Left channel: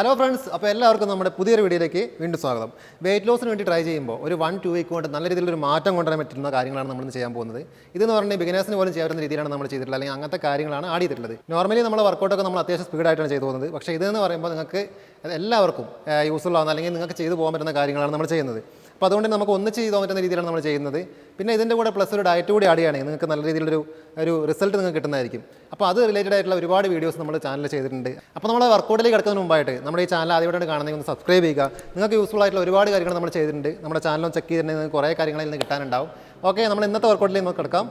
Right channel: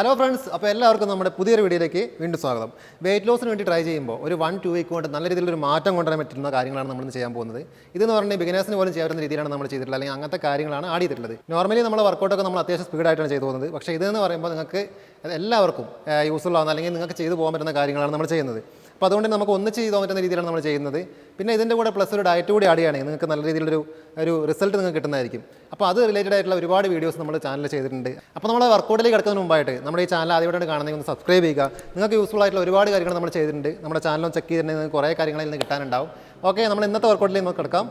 Hello friends, അപ്പോൾ എല്ലാവർക്കും നമ്മുടെ പുതിയൊരു വീഡിയോയിലേക്ക് വീണ്ടും സ്വാഗതം. വെയിറ്റ് ലോസിന് വേണ്ടി ട്രൈ ചെയ്യുമ്പോൾ ഒരു 1-2 വീക്ക് കൊണ്ട് നല്ല രീതിയിലൊരു മാറ്റം കൊണ്ടുവരാൻ പറ്റുന്ന കാര്യങ്ങളാണ് നമ്മൾ ചെയ്യാൻ പോകുന്നത്. ഇതെന്ന് പറഞ്ഞാൽ ബിഗിനേഴ്സിന് പോലും ചെയ്യാവുന്ന രീതിയിലാണ് നമ്മൾ ചെയ്തിട്ടുള്ളത്, അല്ലെങ്കിൽ അങ്ങനത്തെ കാര്യങ്ങളാണ് ആഡ് ചെയ്തിട്ടുള്ളത്. നോർമലി നമ്മൾ വർക്കൗട്ടൊക്കെ നമ്മൾ അത്യാവശ്യം സ്പീഡായിട്ടാണ് ചെയ്തു പോകുന്നത്. പക്ഷേ ഇതെന്ന് പറയുമ്പോൾ നിങ്ങൾക്ക് എല്ലാവർക്കും യൂസ്ഫുൾ ആവുന്ന അല്ലെങ്കിൽ നിങ്ങൾക്ക് ചെയ്തു പോകാൻ പറ്റുന്ന കാര്യങ്ങളാണ് നമ്മൾ ചെയ്യുന്നത്. അപ്പോൾ അതുകൊണ്ട് നമുക്ക് ഒന്നിച്ച് ചെയ്തു പോകാൻ പറ്റുന്ന രീതിയിലാണ് നമ്മൾ ചെയ്യുന്നത്. പിന്നെ ഇതിൻ്റെ കൂടെ പ്ലസ് ഒരു ഡയറ്റ് കൂടി ആഡ് ചെയ്യുകയാണെങ്കിൽ നിങ്ങൾക്ക് നല്ല രീതിയിലൊരു റിസൾട്ട് നിങ്ങൾക്ക് കിട്ടുന്നതായിരിക്കും. അപ്പോൾ അത് റിലേറ്റഡ് ആയിട്ടുള്ള ഒരുപാട് വീഡിയോസ് നമ്മൾ ചാനലിൽ ചെയ്തിട്ടുണ്ട്. അപ്പോൾ നമ്മൾ വർക്കൗട്ടിലേക്ക് കിടക്കുന്നതിന് മുമ്പായിട്ട് നമ്മുടെ ഈ ചാനൽ ആദ്യമായിട്ടാണ് കാണുന്നത്, ഒന്ന് സബ്സ്ക്രൈബ് ചെയ്യുക. നിങ്ങൾക്ക് യൂസ്ഫുൾ ആയിട്ടുള്ള ഒരുപാട് കാര്യങ്ങൾ നമ്മൾ ചെയ്തിട്ടുണ്ട്. നമ്മുടെ ചാനലും ചെക്ക് ചെയ്തിട്ടുണ്ടെങ്കിൽ നിങ്ങൾക്ക് കുറേ കാര്യങ്ങളിൽ നിന്ന് കിട്ടാനുണ്ടാവും. ഓക്കെ, നമ്മൾ ഇന്നത്തെ വർക്കൗട്ടിലേക്ക് നമുക്ക് കിടക്കാം.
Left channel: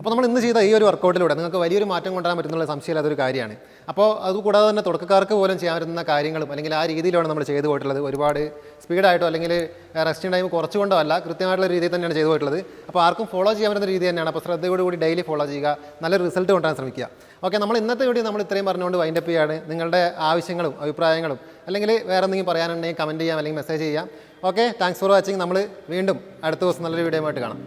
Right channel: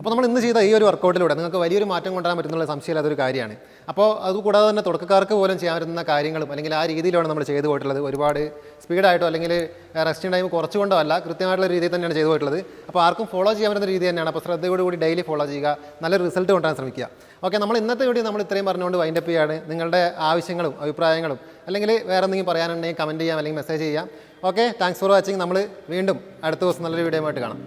അപ്പോൾ നമ്മൾ ഇന്ന് ചെയ്ത ഈ ഒരു വർക്കൗട്ടിലൂടെ നിങ്ങൾക്ക് വലിയൊരു മാറ്റം കൊണ്ടുവരാൻ പറ്റുന്നുള്ള സംശയമില്ലാത്തൊരു കാര്യമാണ്. അപ്പോൾ അതുകൂടാതെ തന്നെ തുടക്കക്കാർക്ക് പോലും ചെയ്യാൻ പറ്റുന്ന കാര്യങ്ങളും അല്ലെങ്കിൽ ആ രീതിയിലാണ് നമ്മൾ ചെയ്തു പോയിട്ടുള്ളത്. ഒരുപാട് സ്പീഡായിട്ടോ അല്ലെങ്കിൽ റെസ്റ്റിംഗ് ടൈം കുറച്ചുകൊണ്ടോ അല്ല, കൃത്യമായിട്ടുള്ള രീതിയിൽ തന്നെയാണ് ചെയ്തു പോയിട്ടുള്ളത്. അപ്പോൾ ആർക്കും ഫോളോ ചെയ്യാൻ പറ്റുന്ന രീതി തന്നെയാണ്. അപ്പോൾ ശ്രദ്ധയോടുകൂടി ഡെയിലി ഫോളോ ചെയ്യുക, നല്ലൊരു റിസൾട്ട് കൊണ്ടുവരാൻ ശ്രമിക്കുക. ഓക്കെ, നമ്മൾ ഇന്നത്തെ വീഡിയോ നമ്മൾ ഇത്രയും പറഞ്ഞുകൊണ്ട് വൈൻഡപ്പ് ചെയ്യുകയാണ്. നിങ്ങളുടെ ആവശ്യങ്ങളും അഭിപ്രായങ്ങളും അല്ലെങ്കിൽ വേറെ എന്തെങ്കിലും പറയാനുണ്ടെങ്കിൽ കമൻറ്റ് ചെയ്യാം അല്ലെങ്കിൽ മെസ്സേജ് ചെയ്യാം. Okay, thanks for watching. നമ്മൾ വീണ്ടും അടുത്ത ദിവസം നല്ലൊരു വീഡിയോ ആയിട്ട് കാണാം.